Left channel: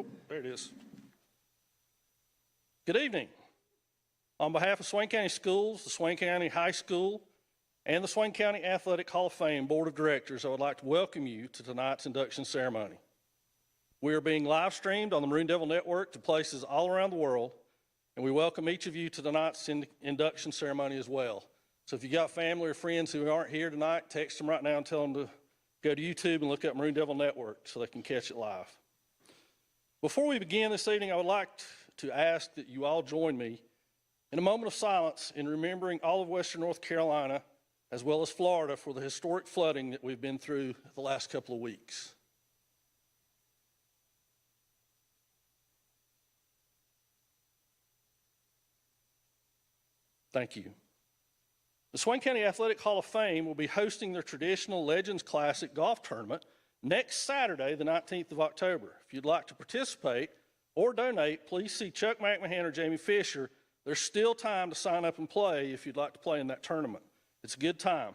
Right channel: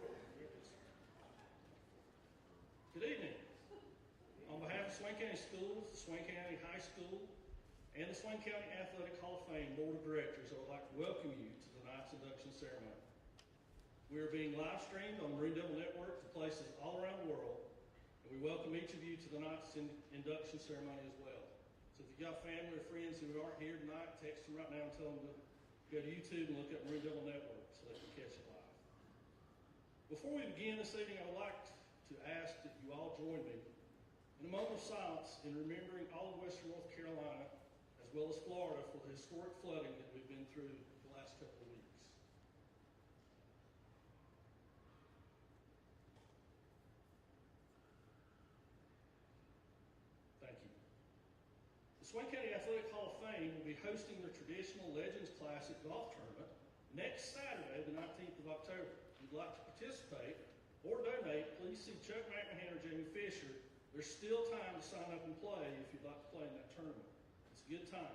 Oh, there it is. Good evening. On behalf of Swain County Schools, the Swain County High School, and the Swain County Athletic Hall of Fame Board of Directors, I would like to welcome you to tonight's induction ceremony. We are being live streamed on the Maroon Devil Network to places all around the world, and we welcome each of you to tonight's induction ceremony as well. So if you got family or friends who aren't here tonight, text them right now and tell them to go to YouTube and look up Maroon Devil Network so they can catch it live. Before we begin this evening, I would like to ask that you all join me in a moment of silence in remembering all of Western North Carolina, as well as Florida, for the historic flooding that we've been through the last couple of weeks. Thank you. The Swain County Athletic Hall of Fame will be hosting their traditional Legends Classic golf tournament next Saturday, the 19th of October. If you'd like to participate or donate, please see Chuck McMahon or Jamie Fisher. There's still time to sign up and play if you'd like to play in that tournament. It's a good time.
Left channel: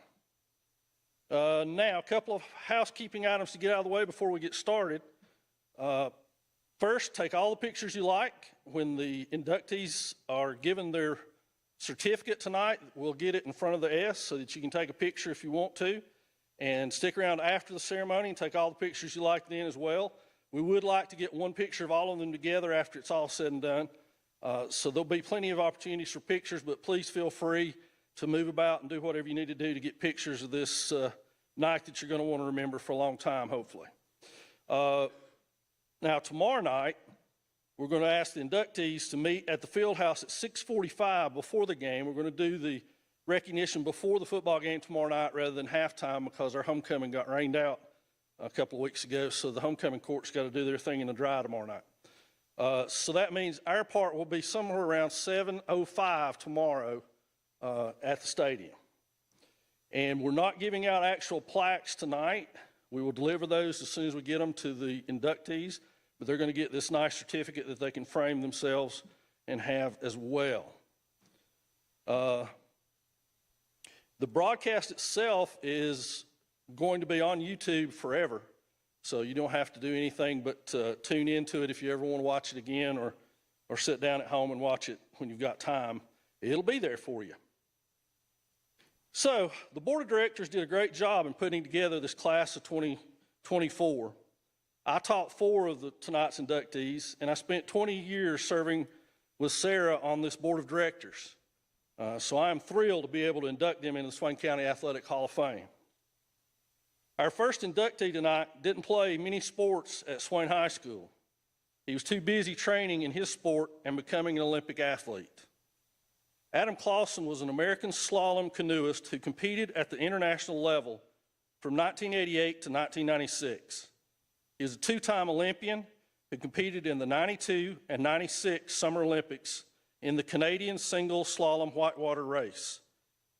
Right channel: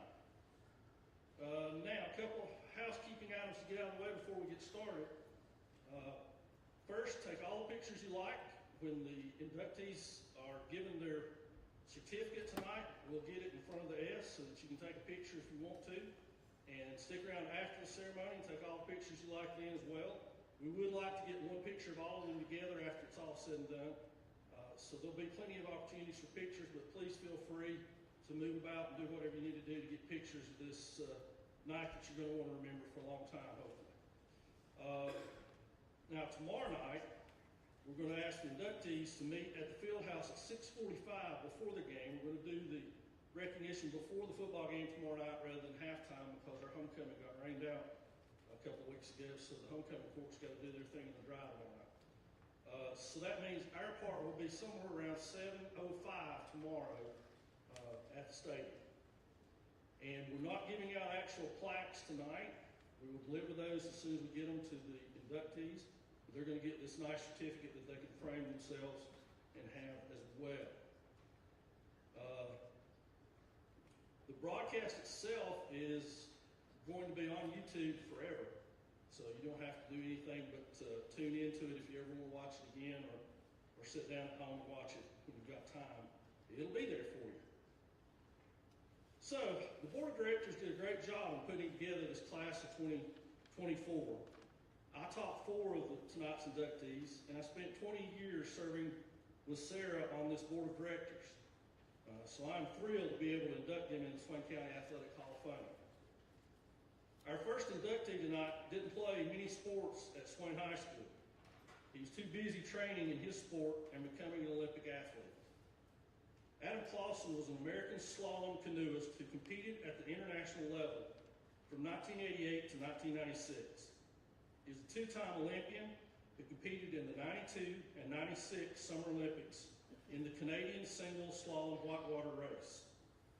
Now, a couple of housekeeping items to get out of the way before we get started. First, take all the pictures you like. When the inductees are given their certificate tonight, we'll get it in front of the S so that you can take a picture if you want to, and stick around after the ceremony and take all the pictures you like then as well. We would like to get one picture of all of them together after it's all said and done. So there'll be plenty of opportunities for pictures, but please feel free to move about and do whatever you need to do to get pictures of this night that you're going to want to remember for a long time, hopefully. Now, tomorrow night, we're going to ask the inductees to meet at the field house at 6:45 before the game. We're going to do the recognition before the football game tomorrow night rather than halftime because our homecoming got rained out a couple of weeks ago, so the homecoming court's got to do their thing in the dry tomorrow night. So that means our part will be somewhere around 7:05 tomorrow at the stadium. And we're not giving out actual plaques tonight. We will deliver those as soon as we get them to the inductees, but they're going to get this nice certificate that they can frame themselves and have as well. The broadcast itself is going to be on YouTube forever, so you don't have to do anything but tune into it if you ever want to watch it again or sit down at home and watch it when you've got time. It'll be there for you. So the board of directors did a great job in putting together this class of 2024. I taught 4 of tonight's inductees, and I spent 20 years serving with Sarah on this board of directors. So I'm thrilled to be able to induct them in the Swain County Athletic Hall of Fame. Our first inductee tonight didn't play many sports at Swain High School. He was too busy training in his sport and becoming an Olympic athlete. Amala Clawson was an American slalom canoeist who competed at the international level from 1988 to 1996. He is a 2-time Olympian who competed in the 92 and 96 Summer Olympics in the Canadian single slalom whitewater race.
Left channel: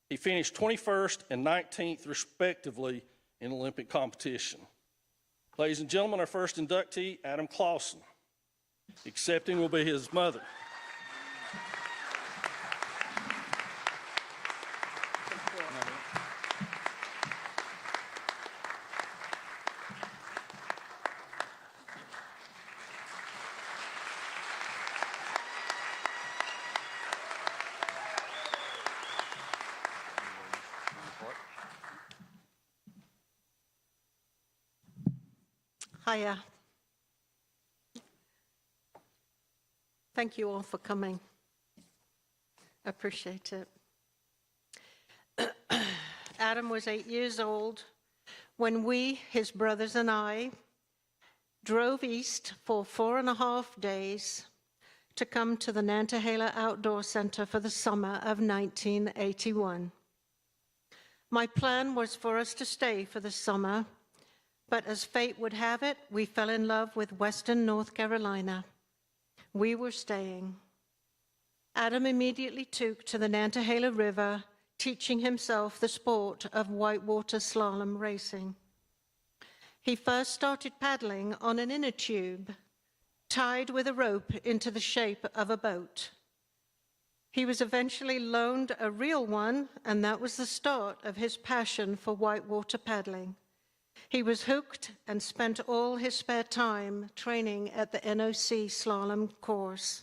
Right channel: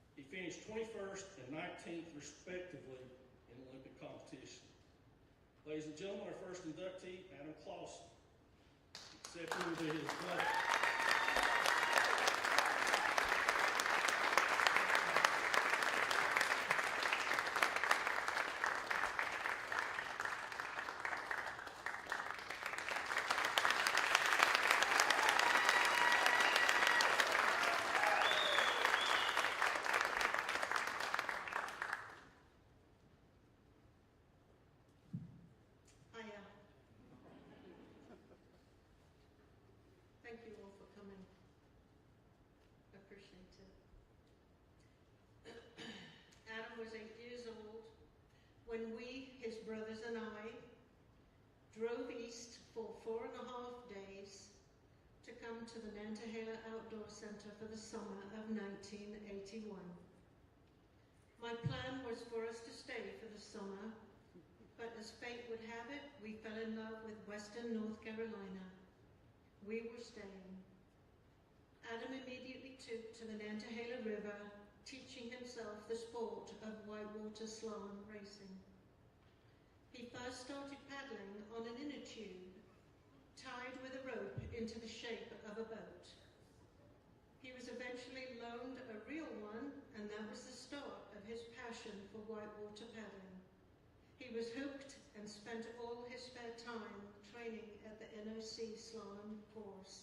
He finished 21st and 19th respectively in Olympic competition. Ladies and gentlemen, our first inductee, Amala Clawson. Accepting will be his mother. Hiya. Thank you all for coming. I appreciate it. Adam was 8 years old when we, his brothers and I, drove east for 4.5 days to come to the Nantahala Outdoor Center for the summer of 1981. My plan was for us to stay for the summer, but as fate would have it, we fell in love with Western North Carolina. We were staying. Adam immediately took to the Nantahala River, teaching himself the sport of whitewater slalom racing. He first started paddling on an inner tube, tied with a rope into the shape of a boat. He was eventually loaned a real one, and that was the start of his passion for whitewater paddling. He was hooked and spent all his spare time training at the NOC slalom course.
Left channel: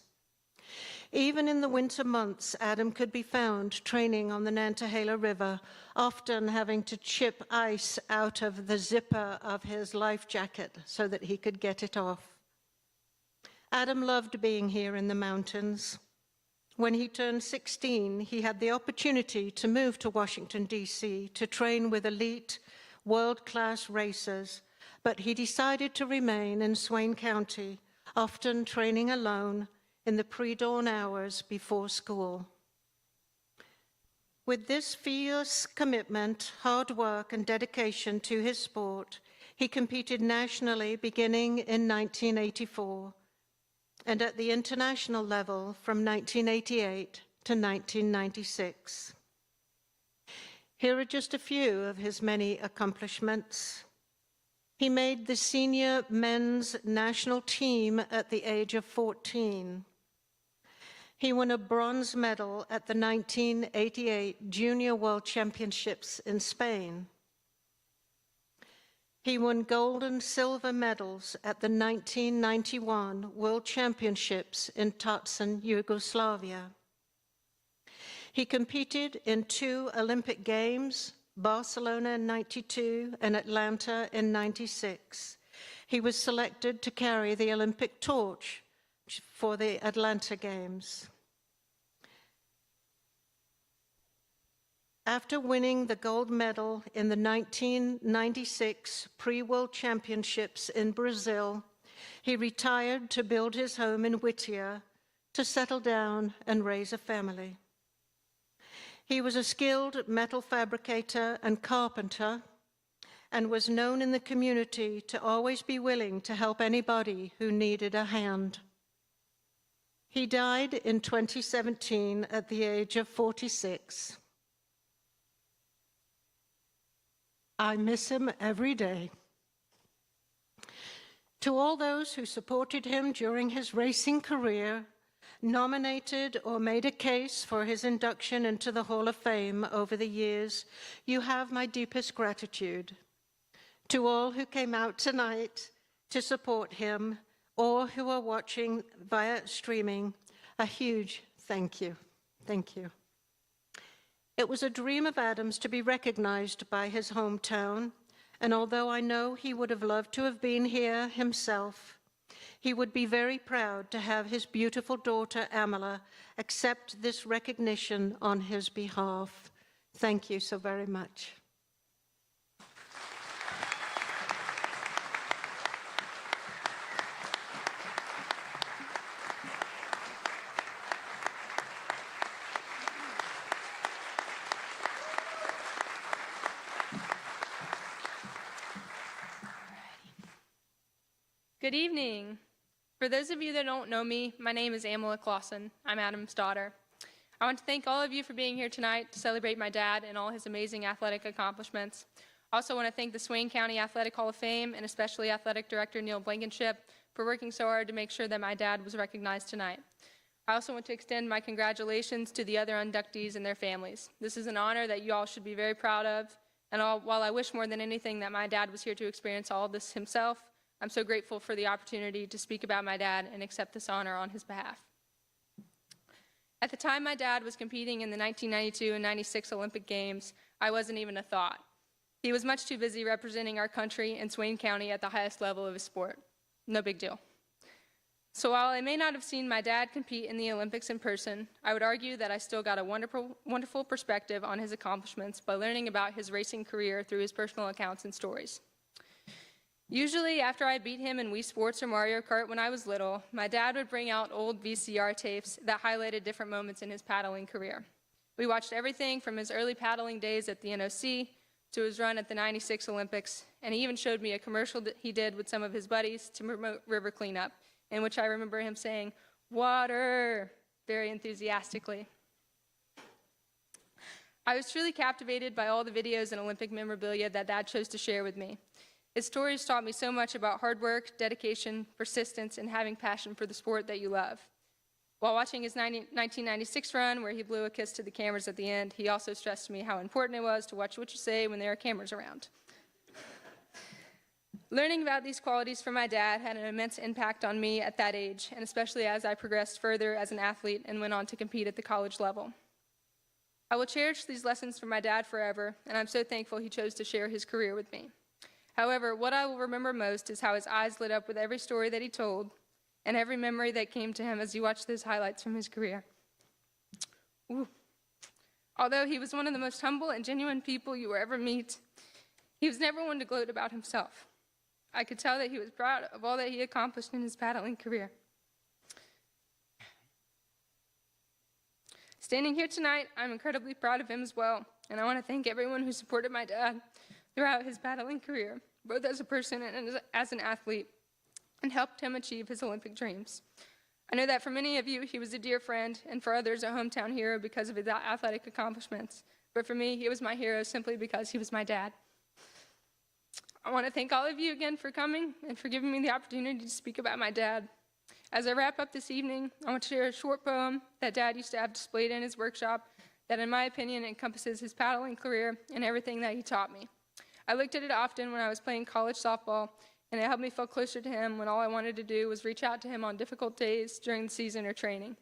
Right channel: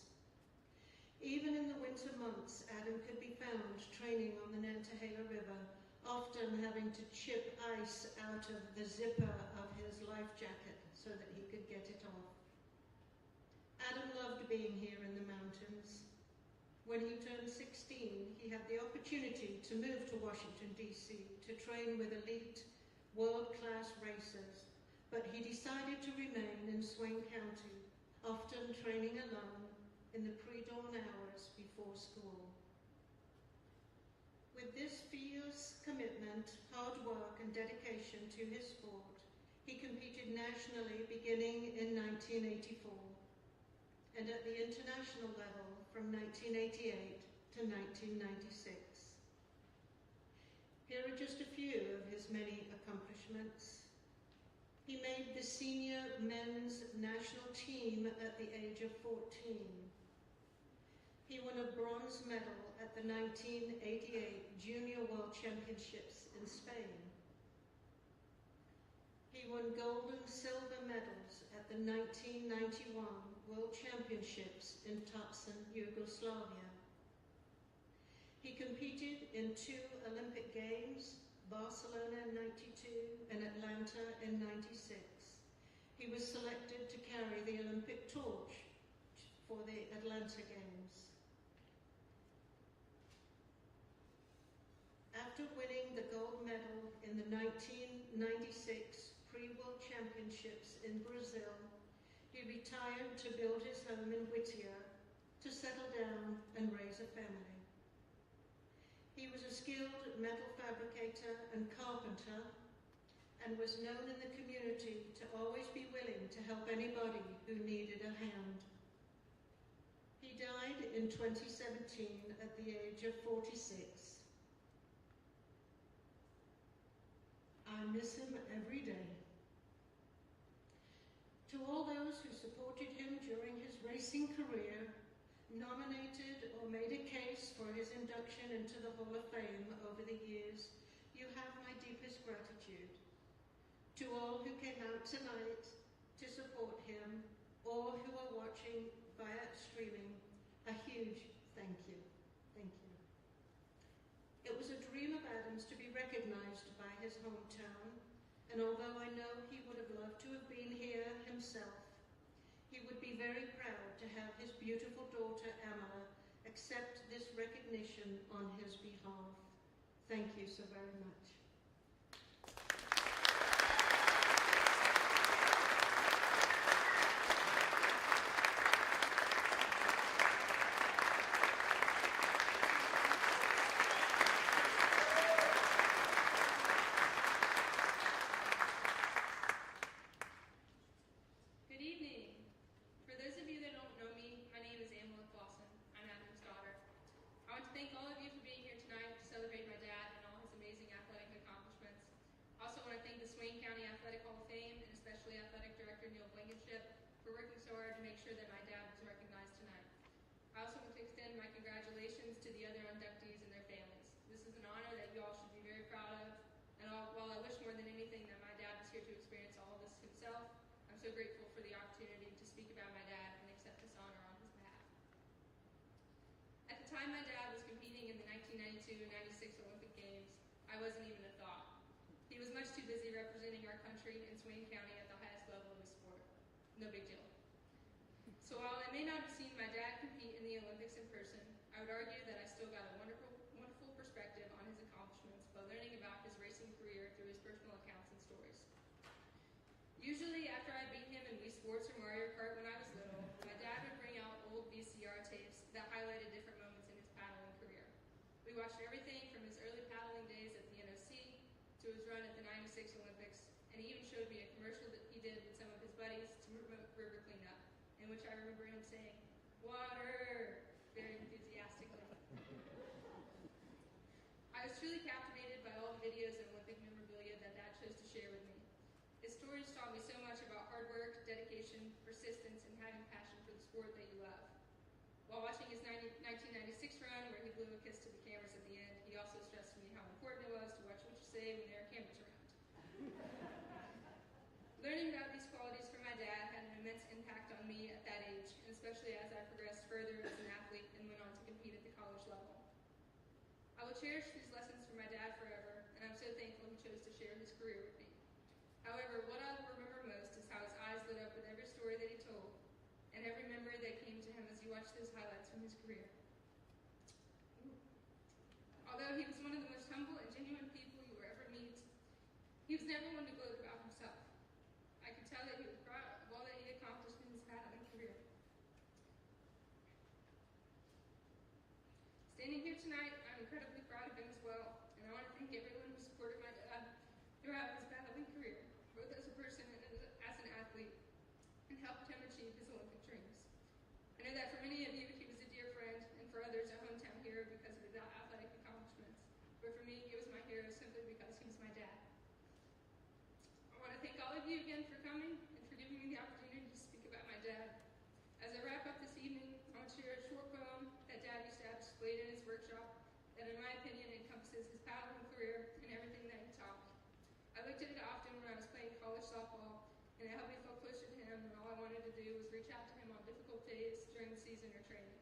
Even in the winter months, Adam could be found training on the Nantahala River, often having to chip ice out of the zipper of his life jacket so that he could get it off. Adam loved being here in the mountains. When he turned 16, he had the opportunity to move to Washington, D.C. to train with elite, world-class racers, but he decided to remain in Swain County, often training alone in the pre-dawn hours before school. With this fierce commitment, hard work, and dedication to his sport, he competed nationally beginning in 1984 and at the international level from 1988 to 1996. Here are just a few of his many accomplishments. He made the senior men's national team at the age of 14. He won a bronze medal at the 1988 Junior World Championships in Spain. He won gold and silver medals at the 1991 World Championships in Tacen, Yugoslavia. He competed in 2 Olympic Games, Barcelona in '92 and Atlanta in '96. He was selected to carry the Olympic torch for the Atlanta Games. After winning the gold medal in the 1996 Pre-World Championships in Brazil, he retired to build his home in Whittier to settle down and raise a family. He was a skilled metal fabricator and carpenter and was known in the community to always be willing to help anybody who needed a hand. He died in 2017 at the age of 46. I miss him every day. To all those who supported him during his racing career, nominated or made a case for his induction into the Hall of Fame over the years, you have my deepest gratitude. To all who came out tonight to support him or who are watching via streaming, a huge thank you. Thank you. It was a dream of Adam's to be recognized by his hometown, and although I know he would have loved to have been here himself, he would be very proud to have his beautiful daughter, Amala, accept this recognition on his behalf. Thank you so very much. Good evening. For those of you that don't know me, my name is Amala Clawson. I'm Adam's daughter. I want to thank all of you for being here tonight to celebrate my dad and all his amazing athletic accomplishments. I also want to thank the Swain County Athletic Hall of Fame and especially Athletic Director Neil Blankenship for working so hard to make sure that my dad was recognized tonight. I also want to extend my congratulations to the other inductees and their families. This is an honor that you all should be very proud of, and while I wish more than anything that my dad was here to experience all of this himself, I'm so grateful for the opportunity to speak about my dad and accept this honor on his behalf. At the time my dad was competing in the 1992 and 96 Olympic Games, I wasn't even a thought. He was much too busy representing our country and Swain County at the highest level of his sport. No big deal. So while I may not have seen my dad compete in the Olympics in person, I would argue that I still got a wonderful perspective on his accomplishments by learning about his racing career through his personal accounts and stories. Usually, after I beat him in Wii Sports or Mario Kart when I was little, my dad would bring out old VCR tapes that highlighted different moments in his paddling career. We watched everything from his early paddling days at the NOC to his run at the 96 Olympics, and he even showed me a commercial that he did with some of his buddies to promote river cleanup, in which I remember him saying, "Water," very enthusiastically. I was truly captivated by all the videos and Olympic memorabilia that Dad chose to share with me. His stories taught me so much about hard work, dedication, persistence, and having passion for the sport that you love. While watching his 1996 run, where he blew a kiss to the cameras at the end, he also stressed to me how important it was to watch what you say when there are cameras around. Learning about these qualities from my dad had an immense impact on me at that age, and especially as I progressed further as an athlete and went on to compete at the college level. I will cherish these lessons from my dad forever, and I'm so thankful he chose to share his career with me. However, what I will remember most is how his eyes lit up with every story that he told, and every memory that came to him as he watched those highlights from his career. Ooh. Although he was one of the most humble and genuine people you will ever meet, he was never one to gloat about himself. I could tell that he was proud of all that he accomplished in his paddling career. Standing here tonight, I'm incredibly proud of him as well, and I want to thank everyone who supported my dad throughout his paddling career, both as a person and as an athlete, and helped him achieve his Olympic dreams. I know that for many of you, he was a dear friend, and for others, a hometown hero because of his athletic accomplishments. But for me, he was my hero simply because he was my dad. I want to thank all of you again for coming and for giving me the opportunity to speak about my dad. As I wrap up this evening, I want to share a short poem that Dad used to have displayed in his workshop that, in my opinion, encompasses his paddling career and everything that he taught me. I looked at it often when I was playing college softball, and it helped me feel closer to him when all I wanted to do was reach out to him on difficult days during the season or training.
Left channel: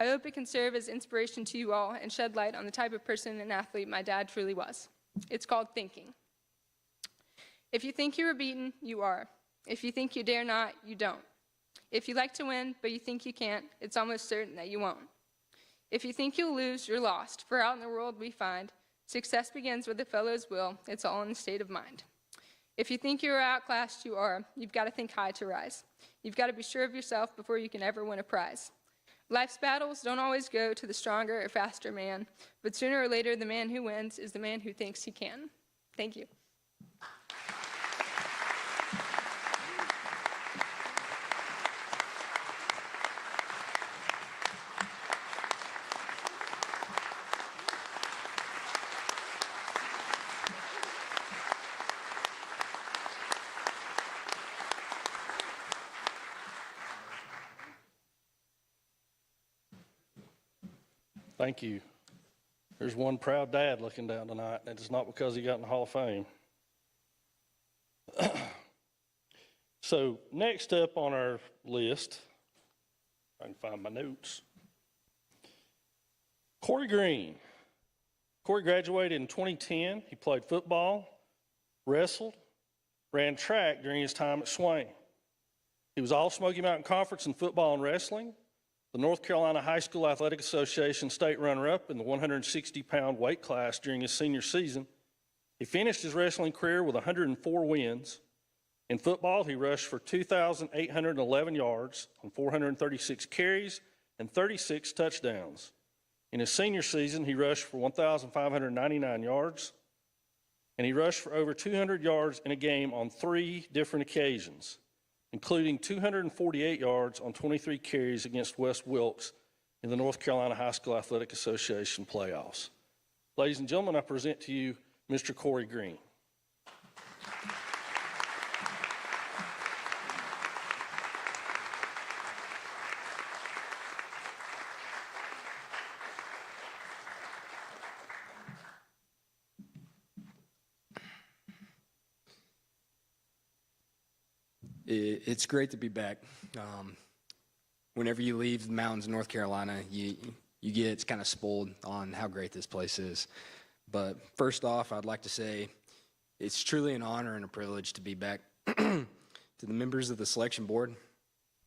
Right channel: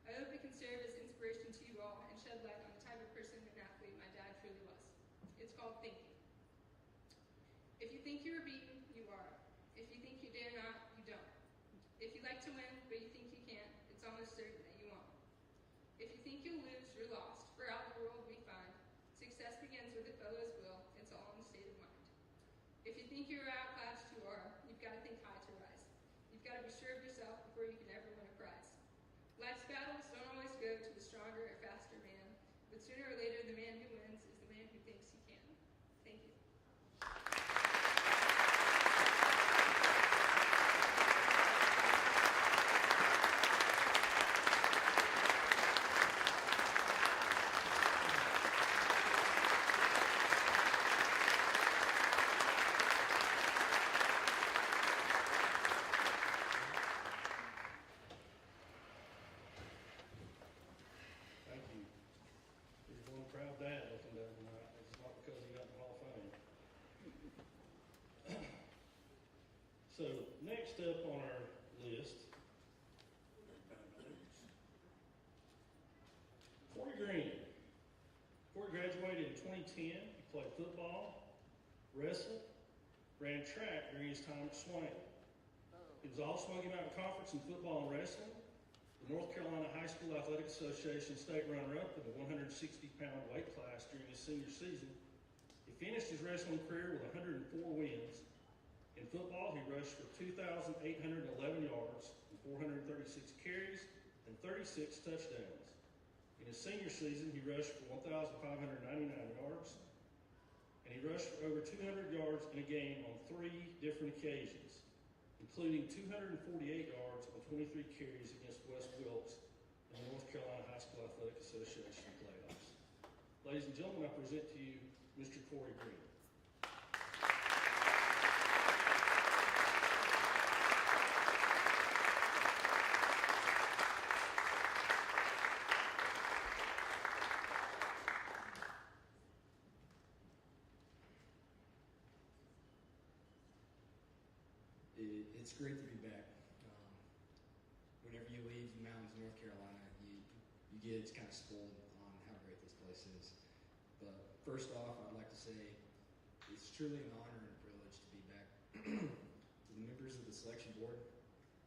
I hope it can serve as inspiration to you all and shed light on the type of person and athlete my dad truly was. It's called thinking. If you think you are beaten, you are. If you think you dare not, you don't. If you like to win, but you think you can't, it's almost certain that you won't. If you think you'll lose, you're lost, for out in the world we find success begins with a fellow's will. It's all in the state of mind. If you think you are outclassed, you are. You've got to think high to rise. You've got to be sure of yourself before you can ever win a prize. Life's battles don't always go to the stronger or faster man, but sooner or later, the man who wins is the man who thinks he can. Thank you. Thank you. There's one proud dad looking down tonight, and it's not because he got in the Hall of Fame. So next up on our list, I can find my notes. Greene. Corey graduated in 2010. He played football, wrestled, ran track during his time at Swain. He was all Smoky Mountain Conference in football and wrestling, the North Carolina High School Athletic Association state runner-up in the 160-pound weight class during his senior season. He finished his wrestling career with 104 wins. In football, he rushed for 2,811 yards on 436 carries and 36 touchdowns. In his senior season, he rushed for 1,599 yards, and he rushed for over 200 yards in a game on 3 different occasions, including 248 yards on 23 carries against West Wilkes in the North Carolina High School Athletic Association playoffs. Ladies and gentlemen, I present to you Mr. Corey Greene. It's great to be back. Whenever you leave the mountains of North Carolina, you get kind of spoiled on how great this place is. But first off, I'd like to say it's truly an honor and a privilege to be back. To the members of the selection board,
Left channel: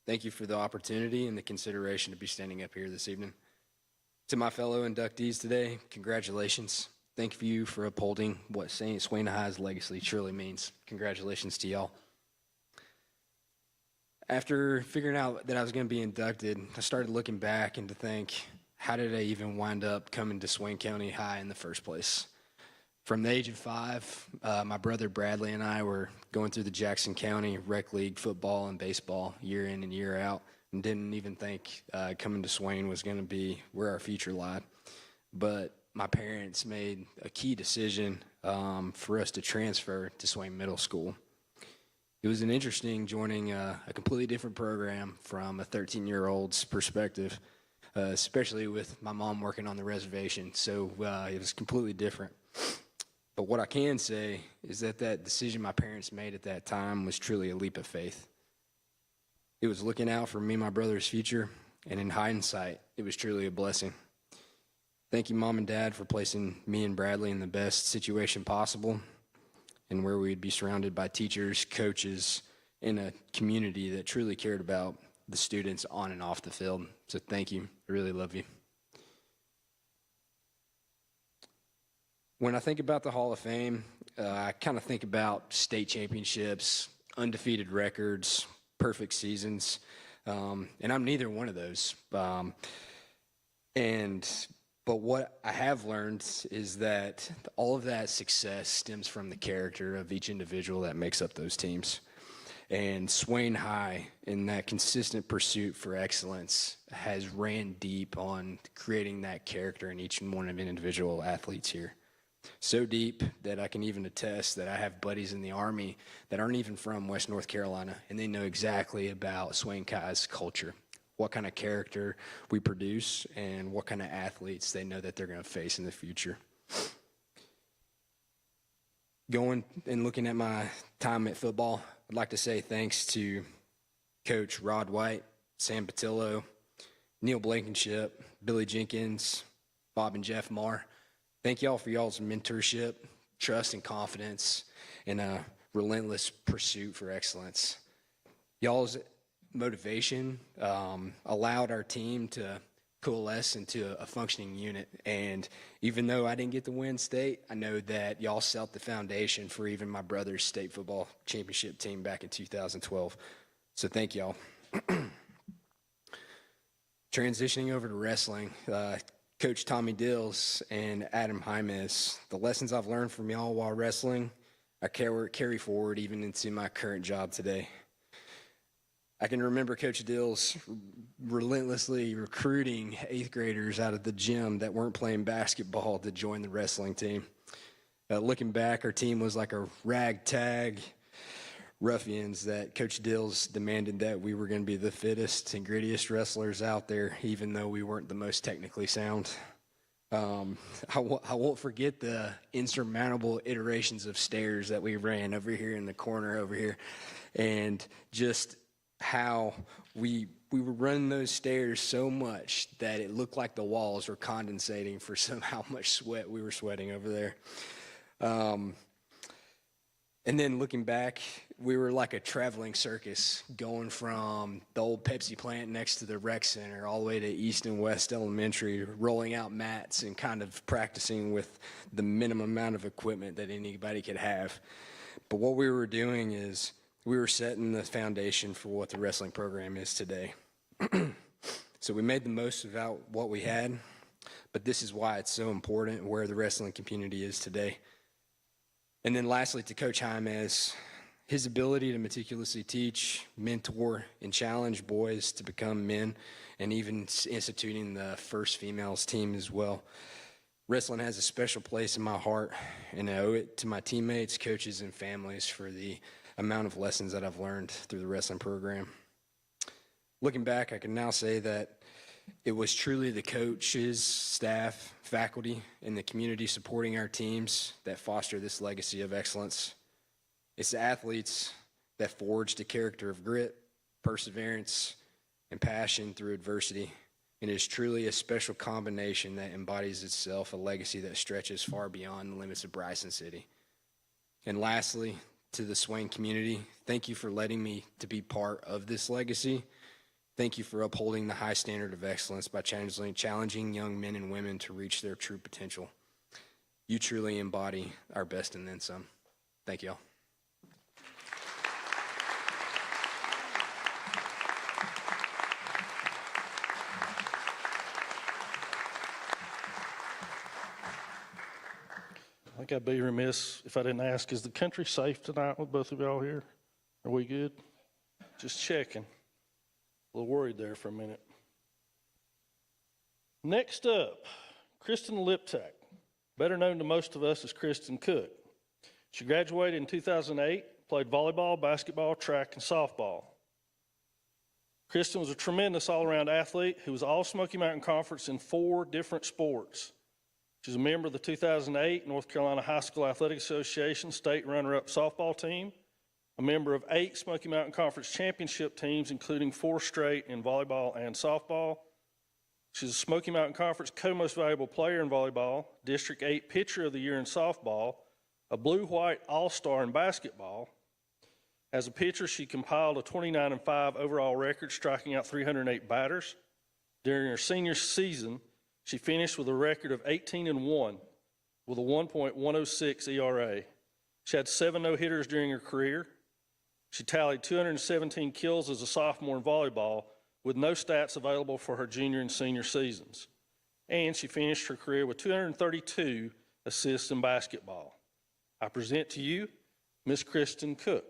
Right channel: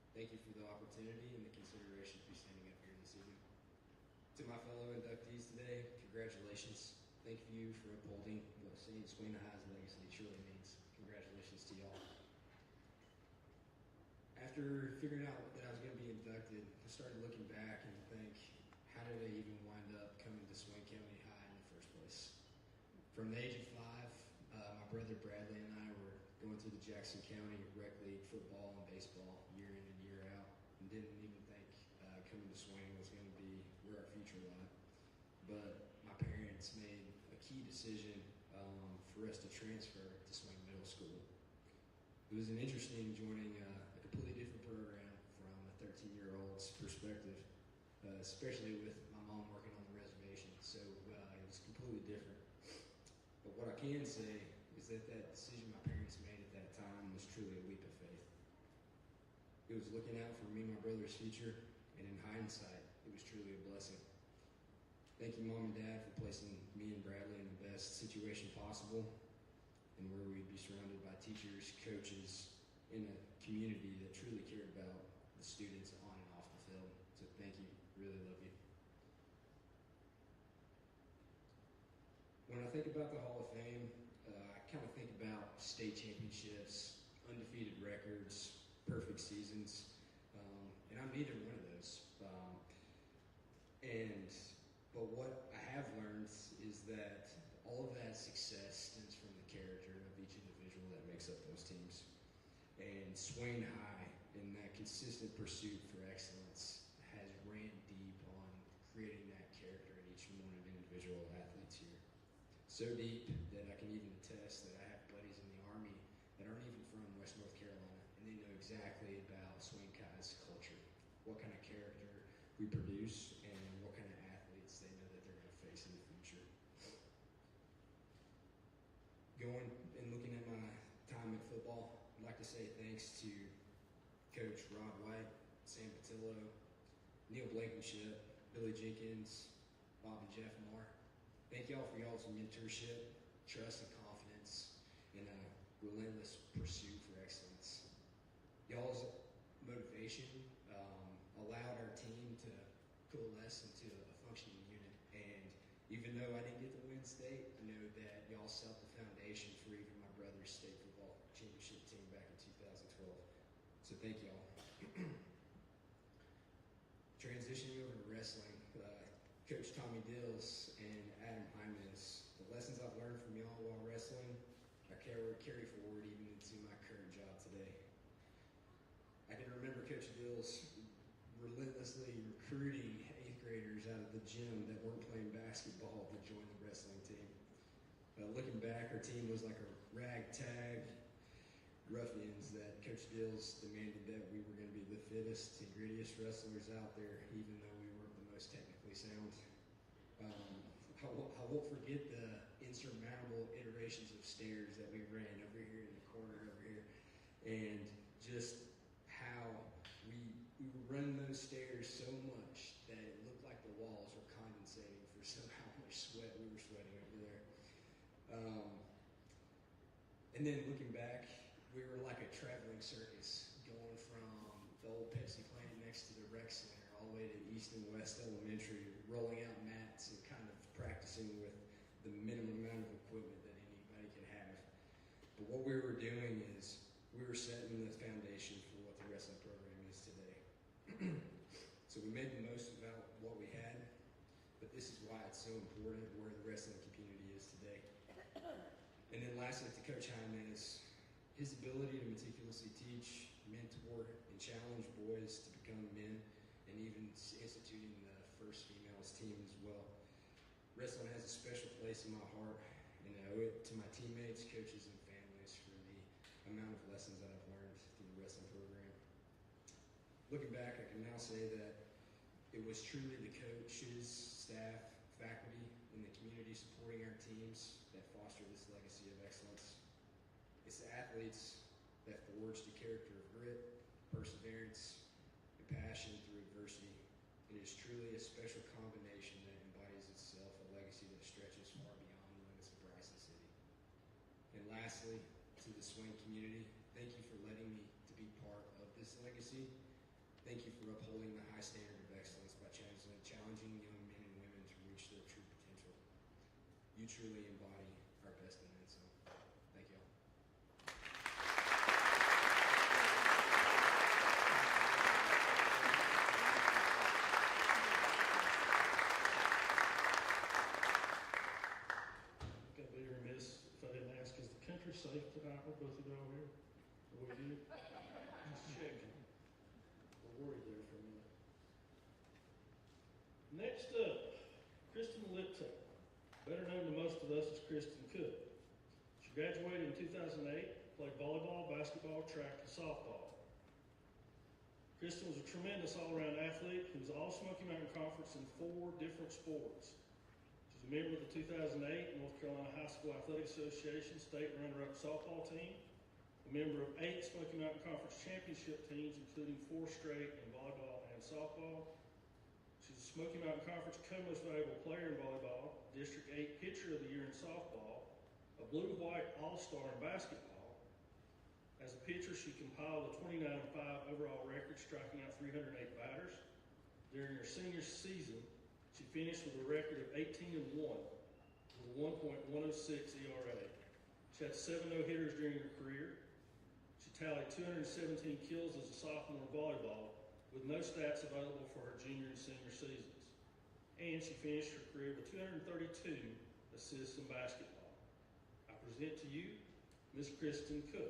thank you for the opportunity and the consideration to be standing up here this evening. To my fellow inductees today, congratulations. Thank you for upholding what Swain High's legacy truly means. Congratulations to y'all. After figuring out that I was going to be inducted, I started looking back and to think, how did I even wind up coming to Swain County High in the first place? From the age of 5, my brother Bradley and I were going through the Jackson County Rec League football and baseball year in and year out, and didn't even think coming to Swain was going to be where our future lied. But my parents made a key decision for us to transfer to Swain Middle School. It was an interesting joining a completely different program from a 13-year-old's perspective, especially with my mom working on the reservation, so it was completely different. But what I can say is that that decision my parents made at that time was truly a leap of faith. It was looking out for me and my brother's future, and in hindsight, it was truly a blessing. Thank you, Mom and Dad, for placing me and Bradley in the best situation possible and where we'd be surrounded by teachers, coaches, and a community that truly cared about the students on and off the field. So thank you. I really love you. When I think about the Hall of Fame, I kind of think about state championships, undefeated records, perfect seasons, and I'm neither one of those. But what I have learned is that all of that success stems from the character of each individual that makes up those teams. And Swain High, in that consistent pursuit for excellence, has ran deep on creating that character in each one of the individual athletes here. So deep that I can even attest that I have buddies in the Army that aren't even from West North Carolina, and they know exactly about Swain High's culture, what kind of character we produce, and what kind of athletes they know that they're going to face in the future. Going and looking at my time at football, I'd like to say thanks to Coach Rod White, Sam Patillo, Neil Blankenship, Billy Jenkins, Bob and Jeff Marr. Thank y'all for y'all's mentorship, trust, and confidence, and a relentless pursuit for excellence. Y'all's motivation allowed our team to coalesce into a functioning unit. And even though I didn't get to win state, I know that y'all set the foundation for even my brother's state football championship team back in 2012. So thank y'all. Transitioning over to wrestling, Coach Tommy Dills and Adam Jaimes, the lessons I've learned from y'all while wrestling, I carry forward even into my current job today. I can remember Coach Dills relentlessly recruiting 8th graders out of the gym that weren't playing basketball to join the wrestling team. Looking back, our team was like a ragtag ruffians that Coach Dills demanded that we were going to be the fittest and grittiest wrestlers out there, even though we weren't the most technically sound. I won't forget the insurmountable iterations of stairs that we ran over here in the corner over here, and just how we were running those stairs so much that it looked like the walls were condensating for how much sweat we were sweating over there. And then looking back, we were like a traveling circus going from the old Pepsi plant next to the rec center all the way to East and West Elementary, rolling out mats and kind of practicing with the minimum amount of equipment that anybody could have. But what we were doing is we were setting the foundation for what the wrestling program is today. So we made the most of what we had, but this is why it's so important where the wrestling community is today. And then lastly, to Coach Jaimes, his ability to meticulously teach, mentor, and challenge boys to become men, and even instituting the first females team as well. Wrestling has a special place in my heart, and I owe it to my teammates, coaches, and families for the amount of lessons that I've learned through the wrestling program. Looking back, I can now say that it was truly the coaches, staff, faculty, and the community supporting our teams that foster this legacy of excellence. It's the athletes that forged a character of grit, perseverance, and passion through adversity. And it is truly a special combination that embodies itself a legacy that stretches far beyond the limits of Bryson City. And lastly, to the Swain community, thank you for letting me to be part of this legacy. Thank you for upholding the high standard of excellence by challenging young men and women to reach their true potential. You truly embody our best and then some. Thank you all. I think I'd be remiss if I didn't ask, is the country safe tonight with both of y'all here? Are we good? Just checking. A little worried there for a minute. Next up, Kristen Liptak, better known to most of us as Kristen Cook. She graduated in 2008, played volleyball, basketball, track, and softball. Kristen was a tremendous all-around athlete who was All Smoky Mountain Conference in 4 different sports. She's a member of the 2008 North Carolina High School Athletic Association state runner-up softball team, a member of 8 Smoky Mountain Conference championship teams, including 4 straight in volleyball and softball. She's a Smoky Mountain Conference co-most valuable player in volleyball, District 8 Pitcher of the Year in softball, a blue-white all-star in basketball. As a pitcher, she compiled a 29-5 overall record, striking out 308 batters. During her senior season, she finished with a record of 18-1 with a 1.106 ERA. She had 7 no-hitters during her career. She tallied 217 kills as a sophomore in volleyball, with no stats available for her junior and senior seasons. And she finished her career with 232 assists in basketball. I present to you Miss Kristen Cook.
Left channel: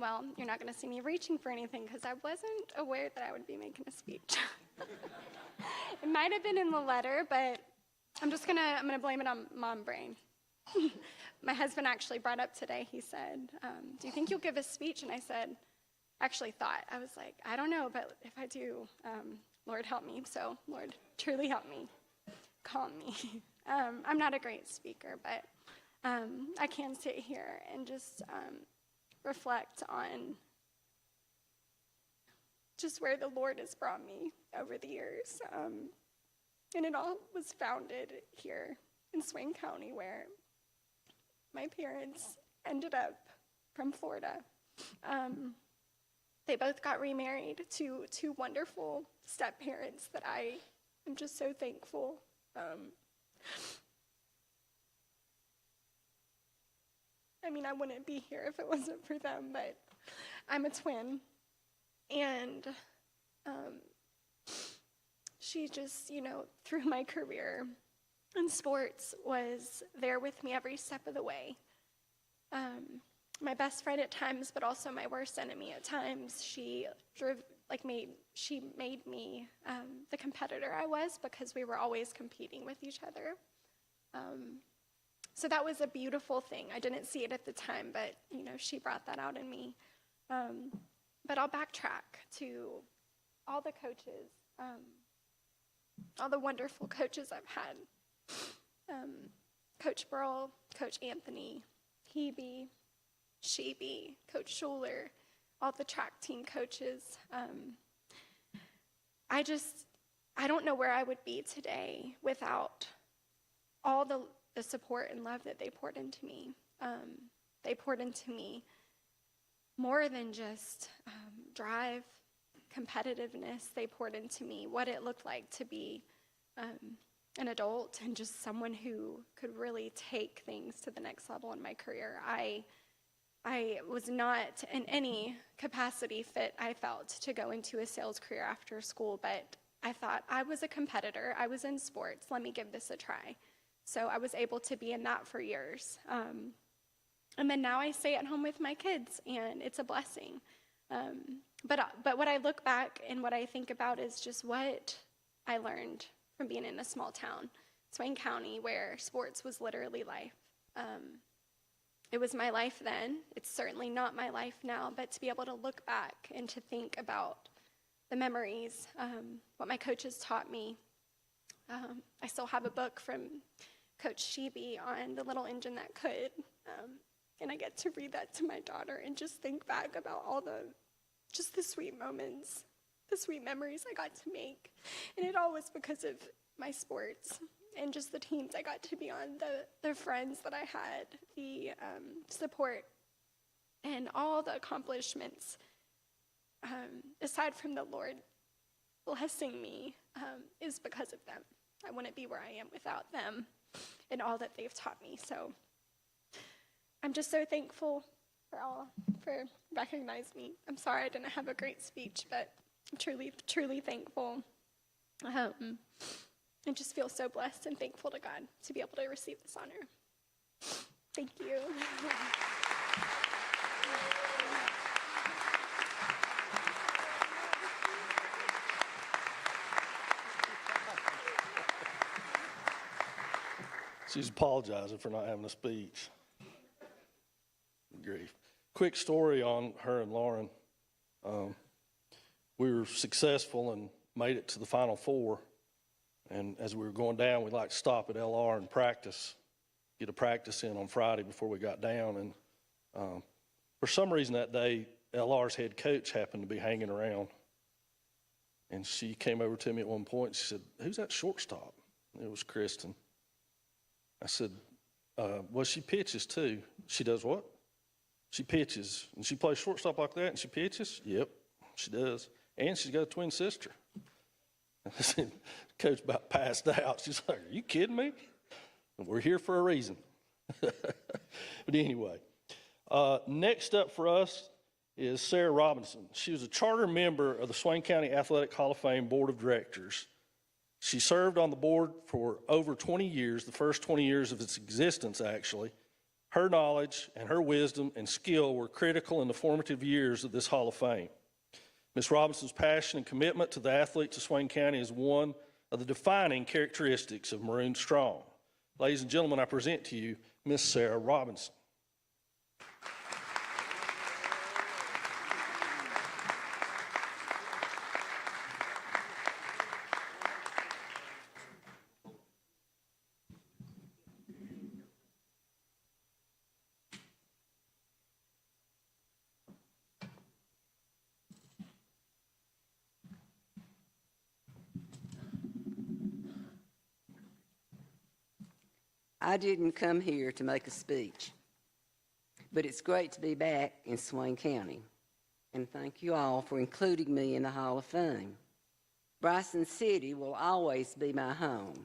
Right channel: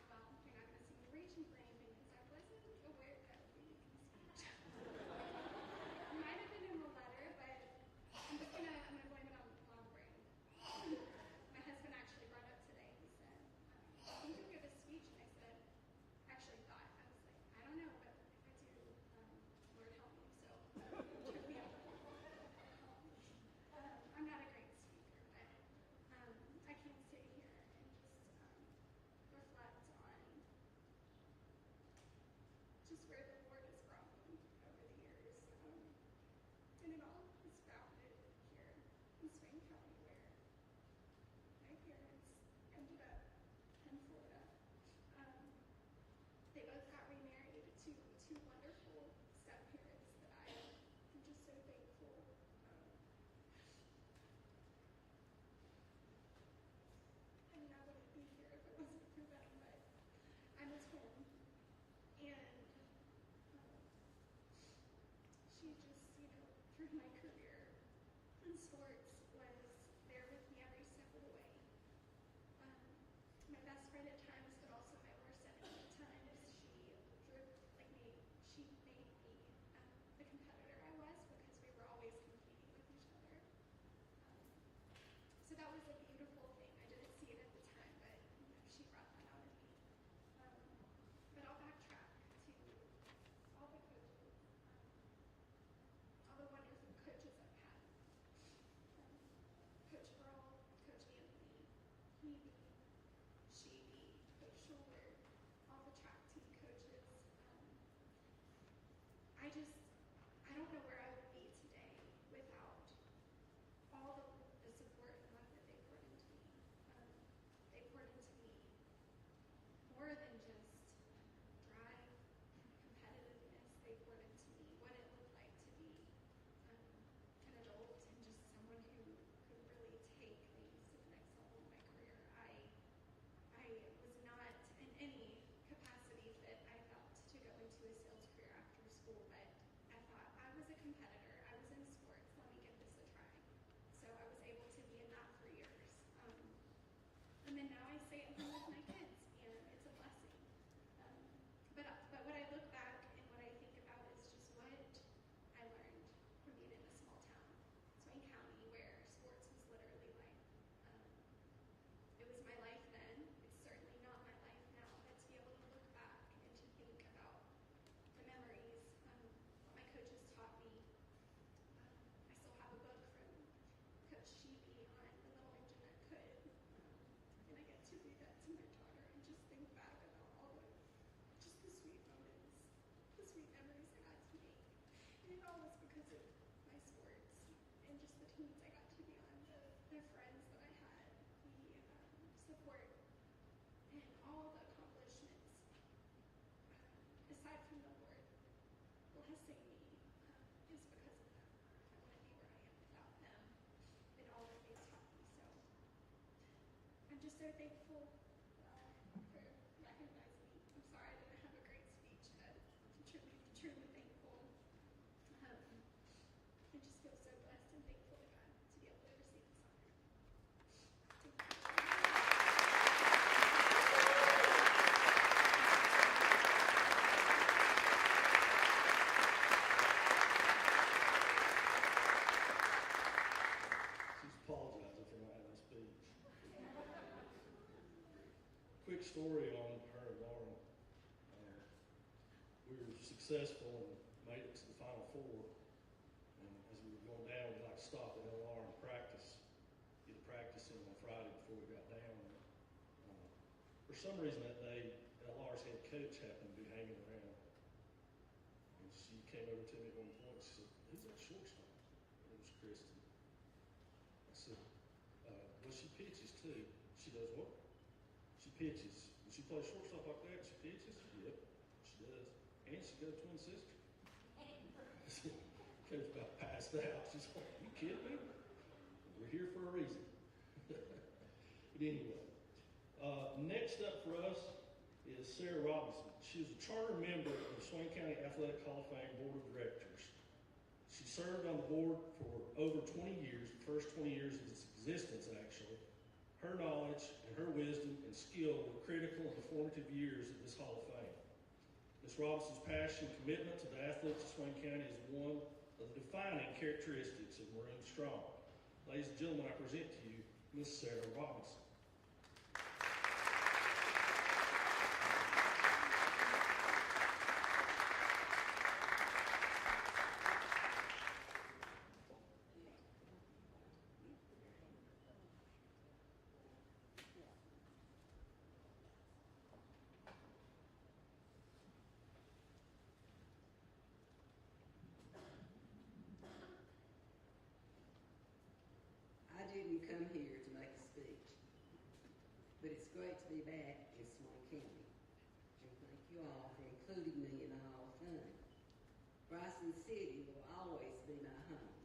Well, you're not going to see me reaching for anything because I wasn't aware that I would be making a speech. It might have been in the letter, but I'm gonna blame it on mom brain. My husband actually brought up today, he said, do you think you'll give a speech? And I said, I was like, I don't know, but if I do, Lord help me. So Lord, truly help me, calm me. I'm not a great speaker, but I can sit here and just reflect on just where the Lord has brought me over the years. And it all was founded here in Swain County, where my parents ended up from Florida. They both got remarried to 2 wonderful step-parents that I am just so thankful. I mean, I wouldn't be here if it wasn't for them, but I'm a twin. And she just, through my career in sports, was there with me every step of the way. My best friend at times, but also my worst enemy at times. She made me the competitor I was, because we were always competing with each other. So that was a beautiful thing. I didn't see it at the time, but she brought that out in me. But I'll backtrack to all the coaches, all the wonderful coaches I've had. Coach Burl, Coach Anthony, Hebe, Sheeby, Coach Schuler, all the track team coaches. I don't know where I would be today without all the support and love that they poured into me. They poured into me more than just drive, competitiveness. They poured into me what it looked like to be an adult and just someone who could really take things to the next level in my career. I was not in any capacity fit, I felt, to go into a sales career after school, but I thought I was a competitor. I was in sports. Let me give this a try. So I was able to be in that for years. And then now I stay at home with my kids, and it's a blessing. But what I look back and what I think about is just what I learned from being in a small town, Swain County, where sports was literally life. It was my life then. It's certainly not my life now, but to be able to look back and to think about the memories, what my coaches taught me. I still have a book from Coach Sheeby on the little engine that could, and I get to read that to my daughter and just think back about all the sweet moments, the sweet memories I got to make. And it all was because of my sports and just the teams I got to be on, the friends that I had, the support, and all the accomplishments, aside from the Lord blessing me, is because of them. I wouldn't be where I am without them and all that they've taught me. So I'm just so thankful for recognizing me. I'm sorry I didn't have a great speech, but I'm truly, truly thankful. I just feel so blessed and thankful to God to be able to receive this honor. Thank you. She's apologizing for not having a speech. Grief. Quick story on her and Lauren. We were successful and made it to the Final Four. And as we were going down, we'd like to stop at LR and practice, get a practice in on Friday before we got down. And for some reason that day, LR's head coach happened to be hanging around. And she came over to me at one point. She said, "Who's that shortstop?" It was Kristen. I said, "Well, she pitches too." "She does what?" "She pitches." "And she plays shortstop like that and she pitches?" "Yep, she does. And she's got a twin sister." I said, Coach about passed out. She's like, "Are you kidding me?" We're here for a reason. But anyway, next up for us is Sarah Robinson. She was a charter member of the Swain County Athletic Hall of Fame Board of Directors. She served on the board for over 20 years, the first 20 years of its existence, actually. Her knowledge and her wisdom and skill were critical in the formative years of this Hall of Fame. Ms. Robinson's passion and commitment to the athletes of Swain County is one of the defining characteristics of Maroon Strong. Ladies and gentlemen, I present to you Ms. Sarah Robinson. I didn't come here to make a speech, but it's great to be back in Swain County, and thank you all for including me in the Hall of Fame. Bryson City will always be my home,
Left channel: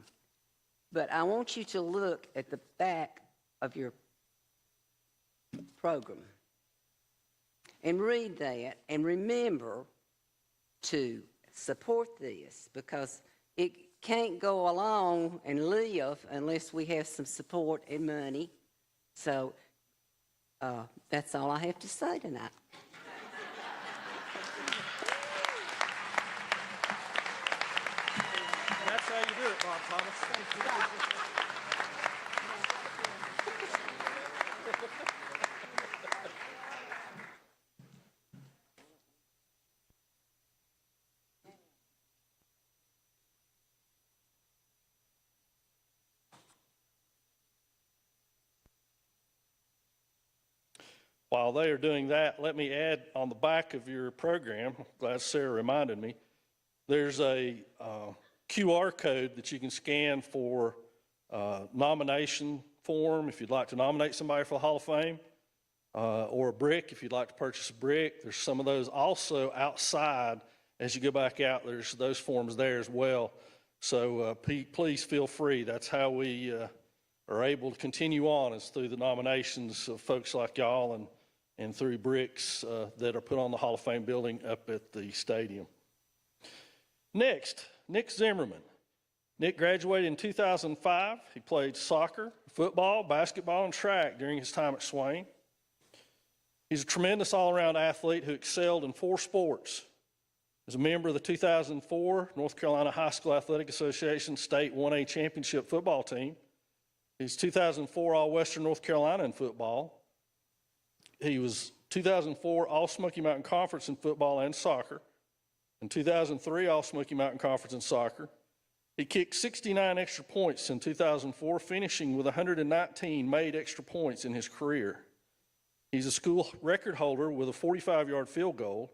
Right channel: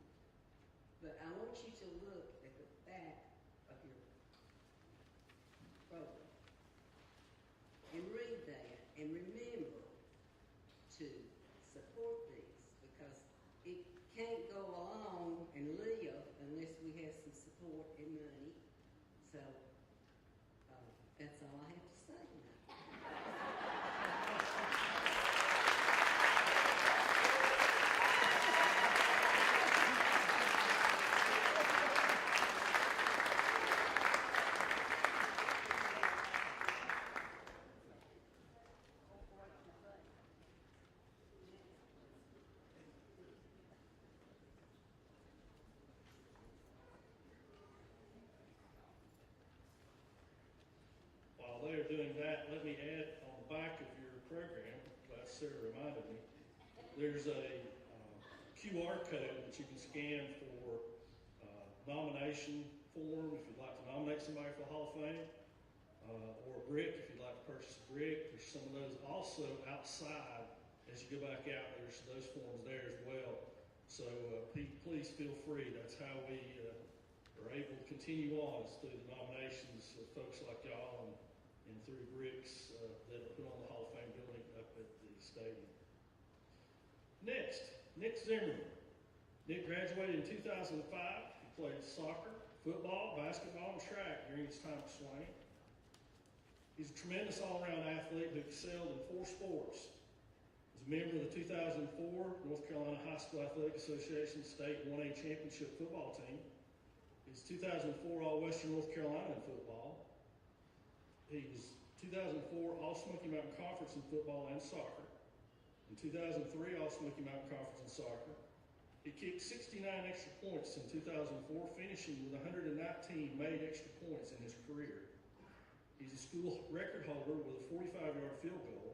but I want you to look at the back of your program and read that and remember to support this, because it can't go along and live unless we have some support and money. So that's all I have to say tonight. While they are doing that, let me add on the back of your program, glad Sarah reminded me, there's a QR code that you can scan for nomination form if you'd like to nominate somebody for the Hall of Fame, or a brick if you'd like to purchase a brick. There's some of those also outside. As you go back out, there's those forms there as well. So please feel free. That's how we are able to continue on, is through the nominations of folks like y'all and through bricks that are put on the Hall of Fame building up at the stadium. Next, Nick Zimmerman. Nick graduated in 2005. He played soccer, football, basketball, and track during his time at Swain. He's a tremendous all-around athlete who excelled in 4 sports. As a member of the 2004 North Carolina High School Athletic Association State 1A Championship football team. He's 2004 All-Western North Carolina in football. He was 2004 All-Smoky Mountain Conference in football and soccer. In 2003 All-Smoky Mountain Conference in soccer. He kicked 69 extra points in 2004, finishing with 119 made extra points in his career. He's a school record holder with a 45-yard field goal,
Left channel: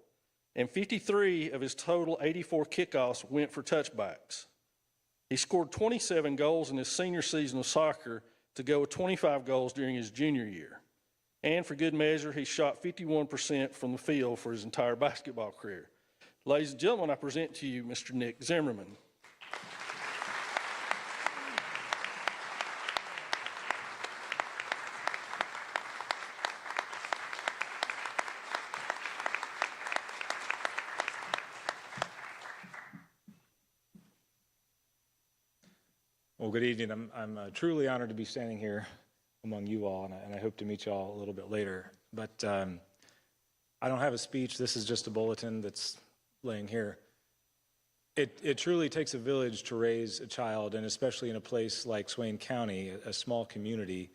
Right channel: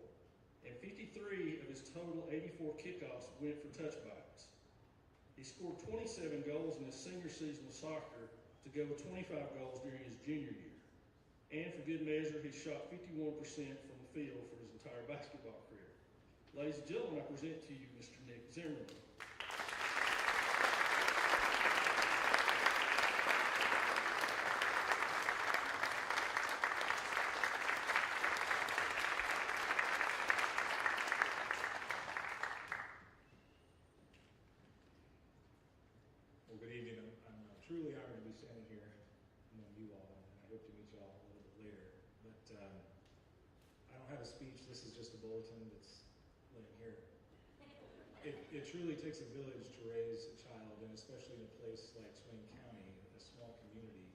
and 53 of his total 84 kickoffs went for touchbacks. He scored 27 goals in his senior season of soccer to go with 25 goals during his junior year. And for good measure, he shot 51% from the field for his entire basketball career. Ladies and gentlemen, I present to you Mr. Nick Zimmerman. Well, good evening. I'm truly honored to be standing here among you all, and I hope to meet you all a little bit later. But I don't have a speech. This is just a bulletin that's laying here. It truly takes a village to raise a child, and especially in a place like Swain County, a small community,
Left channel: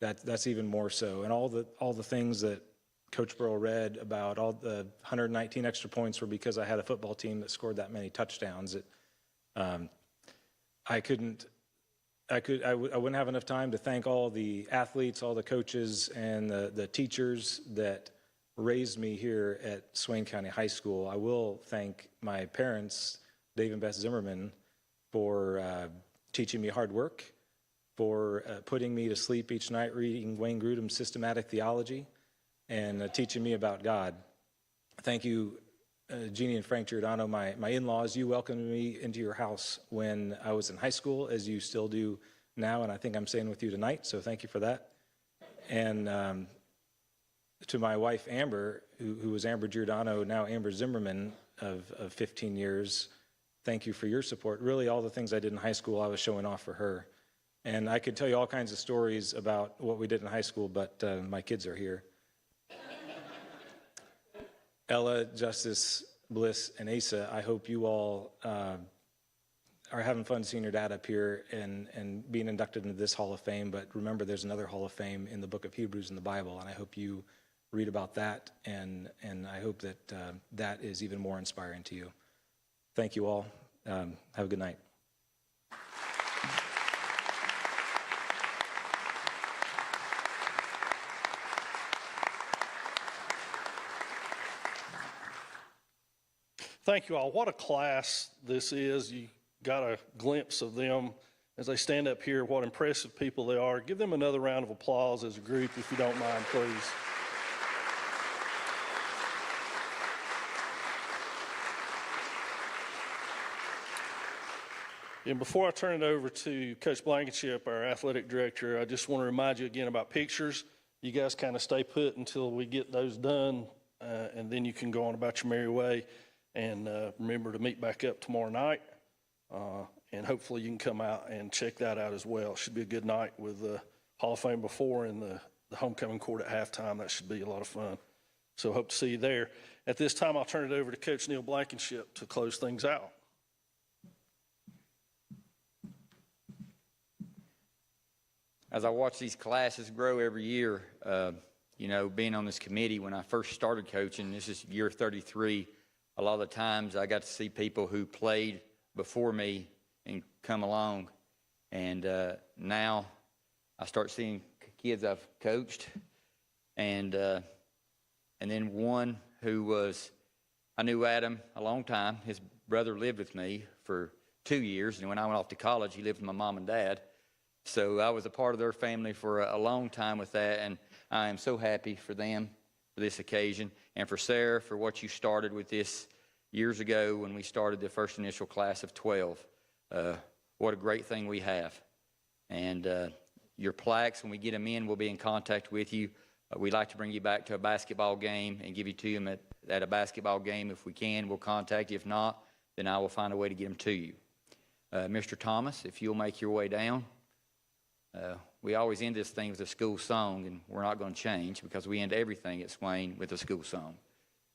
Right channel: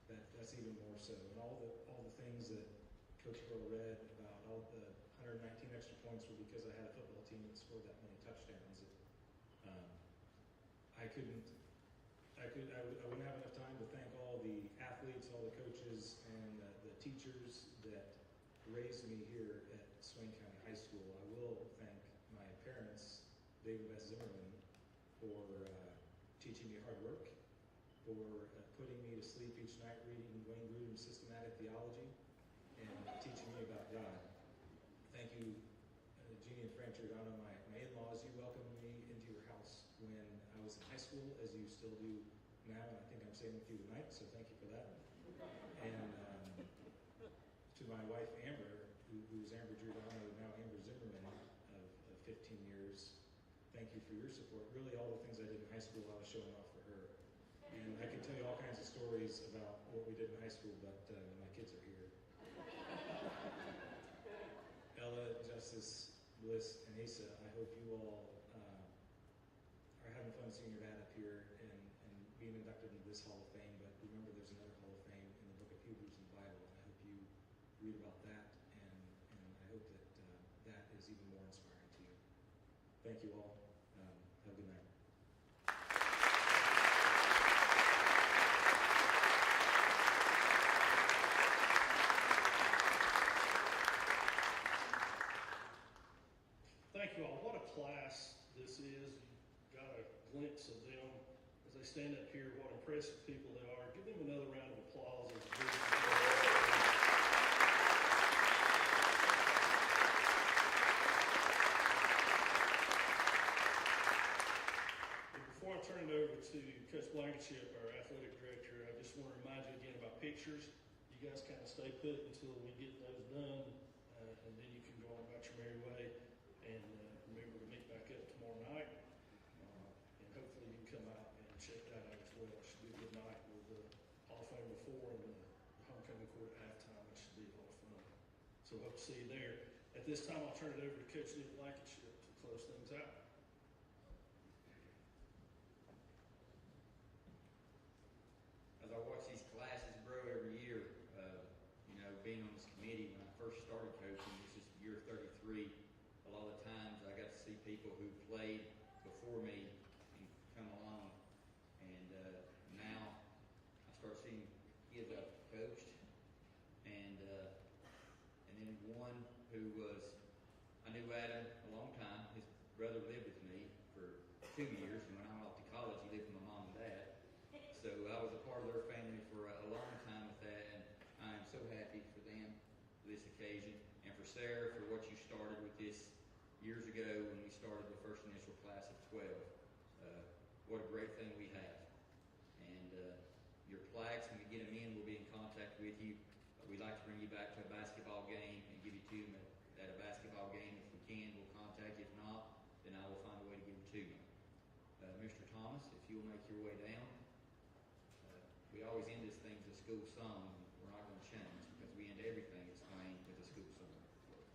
that's even more so. And all the things that Coach Burrow read about, all the 119 extra points were because I had a football team that scored that many touchdowns. I wouldn't have enough time to thank all the athletes, all the coaches, and the teachers that raised me here at Swain County High School. I will thank my parents, Dave and Beth Zimmerman, for teaching me hard work, for putting me to sleep each night reading Wayne Grudem's Systematic Theology, and teaching me about God. Thank you, Jeannie and Frank Giordano, my in-laws. You welcomed me into your house when I was in high school, as you still do now, and I think I'm staying with you tonight, so thank you for that. And to my wife, Amber, who was Amber Giordano, now Amber Zimmerman of 15 years, thank you for your support. Really, all the things I did in high school, I was showing off for her. And I could tell you all kinds of stories about what we did in high school, but my kids are here. Ella, Justice, Bliss, and Asa, I hope you all are having fun seeing your dad up here and being inducted into this Hall of Fame. But remember, there's another Hall of Fame in the book of Hebrews in the Bible, and I hope you read about that, and I hope that that is even more inspiring to you. Thank you all. Have a good night. Thank you all. What a class this is. You got a glimpse of them as they stand up here, what impressive people they are. Give them another round of applause as a group, if you don't mind, please. And before I turn it over to Coach Blankenship, our athletic director, I just want to remind you again about pictures. You guys kind of stay put until we get those done, and then you can go on about your merry way. And remember to meet back up tomorrow night, and hopefully you can come out and check that out as well. Should be a good night with the Hall of Fame before and the homecoming court at halftime. That should be a lot of fun. So hope to see you there. At this time, I'll turn it over to Coach Neil Blankenship to close things out. As I watch these classes grow every year, being on this committee, when I first started coaching, this is year 33, a lot of the times I got to see people who played before me and come along. And now I start seeing kids I've coached. And then one who was, I knew Adam a long time. His brother lived with me for 2 years. And when I went off to college, he lived with my mom and dad. So I was a part of their family for a long time with that. And I am so happy for them for this occasion. And for Sarah, for what you started with this years ago when we started the first initial class of 12. What a great thing we have. And your plaques, when we get them in, we'll be in contact with you. We'd like to bring you back to a basketball game and give you to them at a basketball game. If we can, we'll contact you. If not, then I will find a way to get them to you. Mr. Thomas, if you'll make your way down. We always end this thing with a school song, and we're not going to change because we end everything at Swain with a school song.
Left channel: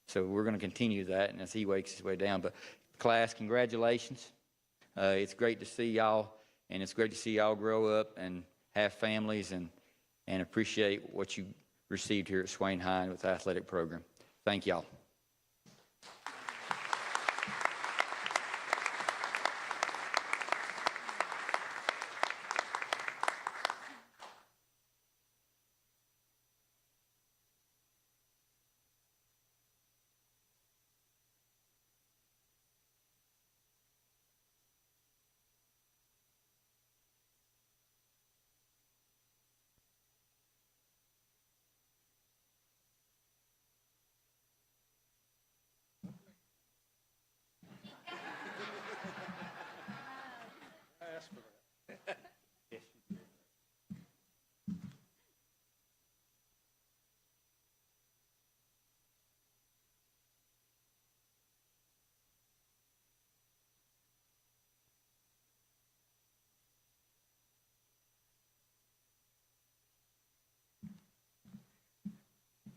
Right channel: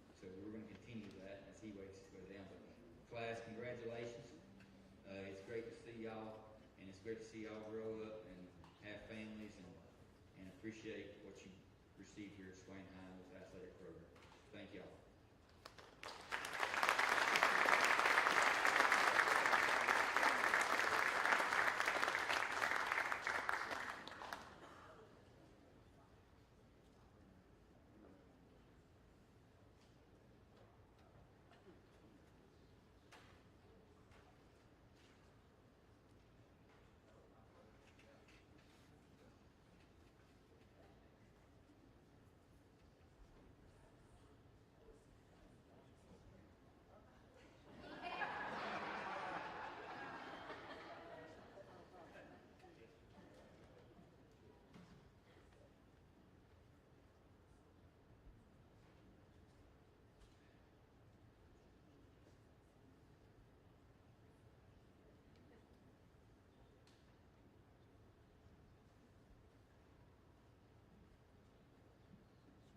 So we're going to continue that, and as he wakes his way down. But class, congratulations. It's great to see y'all, and it's great to see y'all grow up and have families and appreciate what you received here at Swain High with the athletic program. Thank y'all.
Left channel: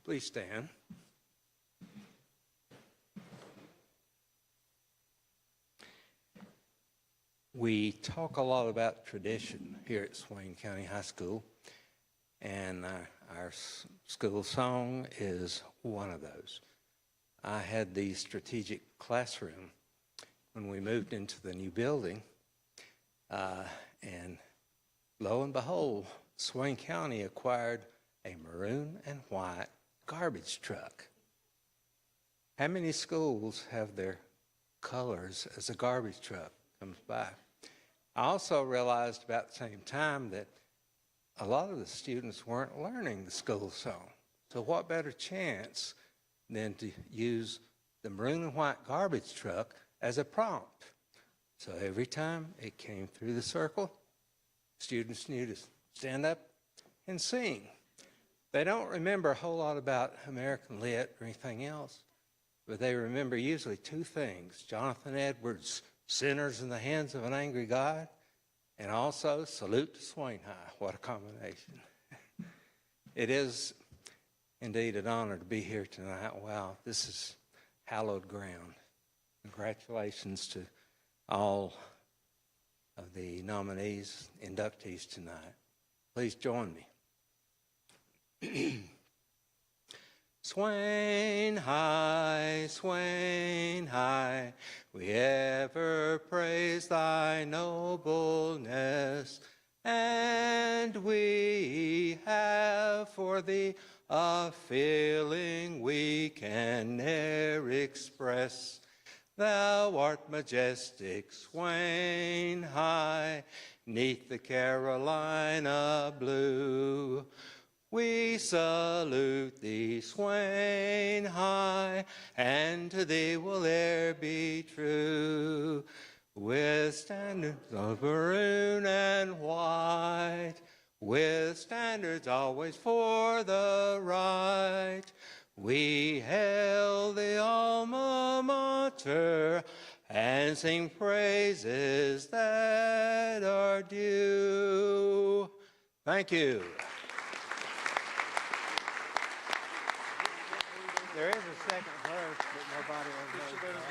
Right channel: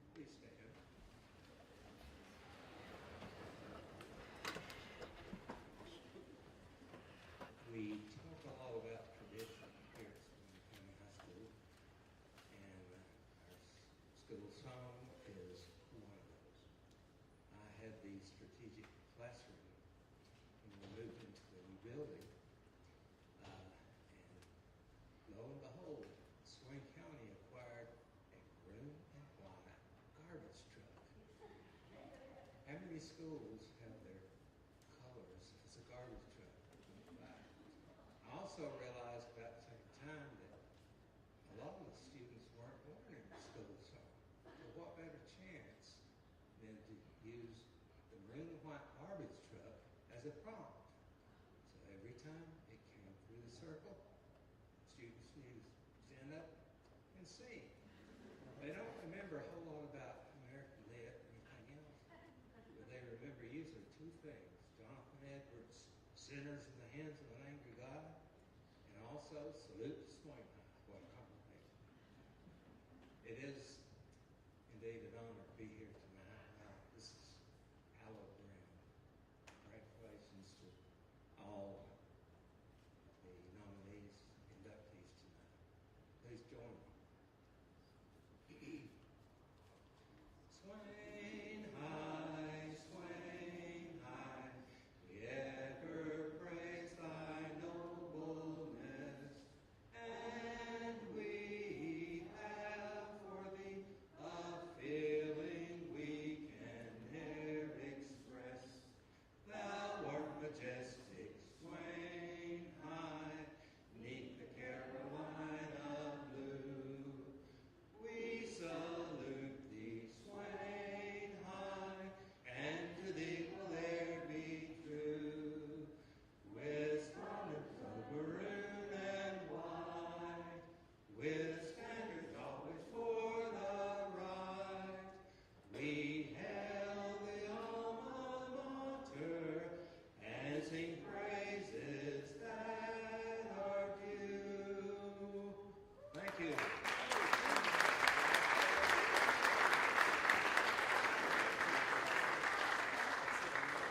Please stand. We talk a lot about tradition here at Swain County High School, and our school song is one of those. I had the strategic classroom when we moved into the new building, and lo and behold, Swain County acquired a maroon and white garbage truck. How many schools have their colors as a garbage truck comes by? I also realized about the same time that a lot of the students weren't learning the school song. So what better chance than to use the maroon and white garbage truck as a prompt? So every time it came through the circle, students knew to stand up and sing. They don't remember a whole lot about American Lit or anything else, but they remember usually two things: Jonathan Edwards' "Sinners in the Hands of an Angry God," and also "Salute to Swain High." What a combination. It is indeed an honor to be here tonight. Wow, this is hallowed ground. Congratulations to all of the nominees, inductees tonight. Please join me. Swain High, we ever praise thy nobleness, and we have for thee a feeling we can ne'er express. Thou art majestic, Swain High, 'neath the Carolina blue. We salute thee, Swain High, and to thee will e'er be true. With standards of maroon and white, with standards always for the right, we hail the alma mater and sing praises that are due. Thank you. There is a second verse, but nobody ever knows about it.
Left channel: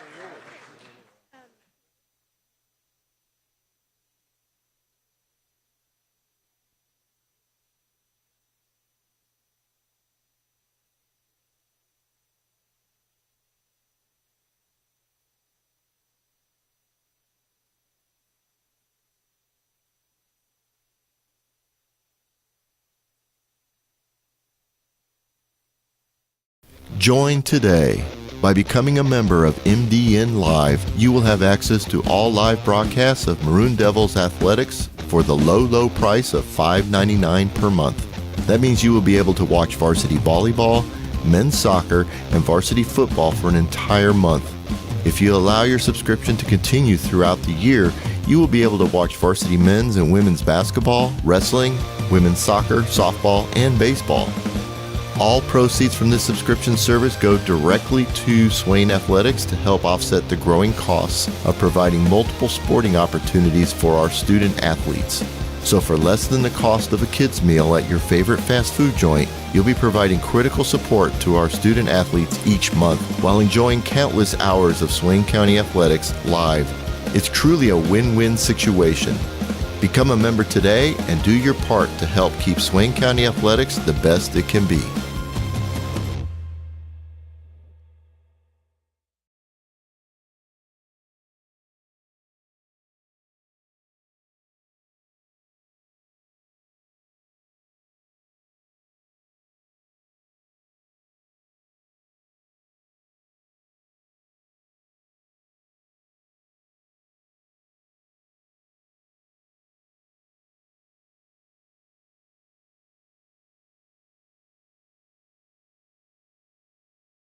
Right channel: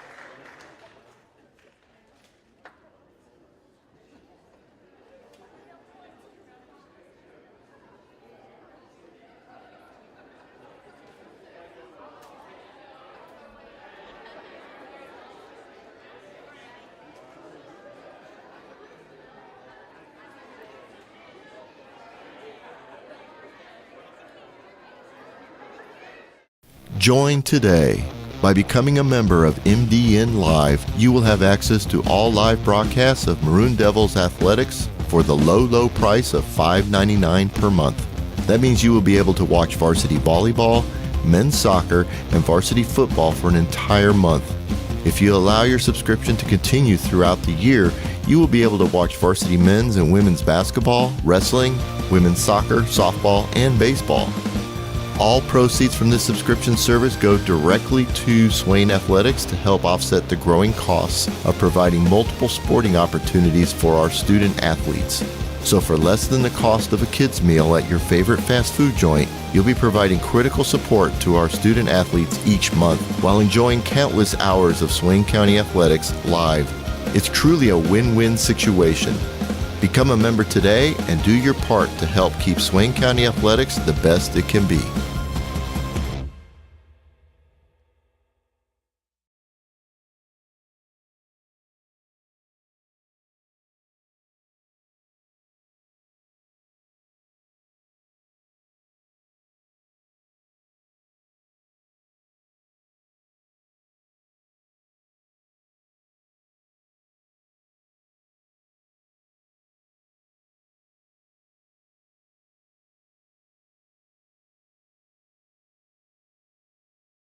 Join today. By becoming a member of MDN Live, you will have access to all live broadcasts of Maroon Devils athletics for the low price of $5.99 per month. That means you will be able to watch varsity volleyball, men's soccer, and varsity football for an entire month. If you allow your subscription to continue throughout the year, you will be able to watch varsity men's and women's basketball, wrestling, women's soccer, softball, and baseball. All proceeds from this subscription service go directly to Swain Athletics to help offset the growing costs of providing multiple sporting opportunities for our student athletes. So for less than the cost of a kid's meal at your favorite fast food joint, you'll be providing critical support to our student athletes each month while enjoying countless hours of Swain County athletics live. It's truly a win-win situation. Become a member today and do your part to help keep Swain County athletics the best it can be.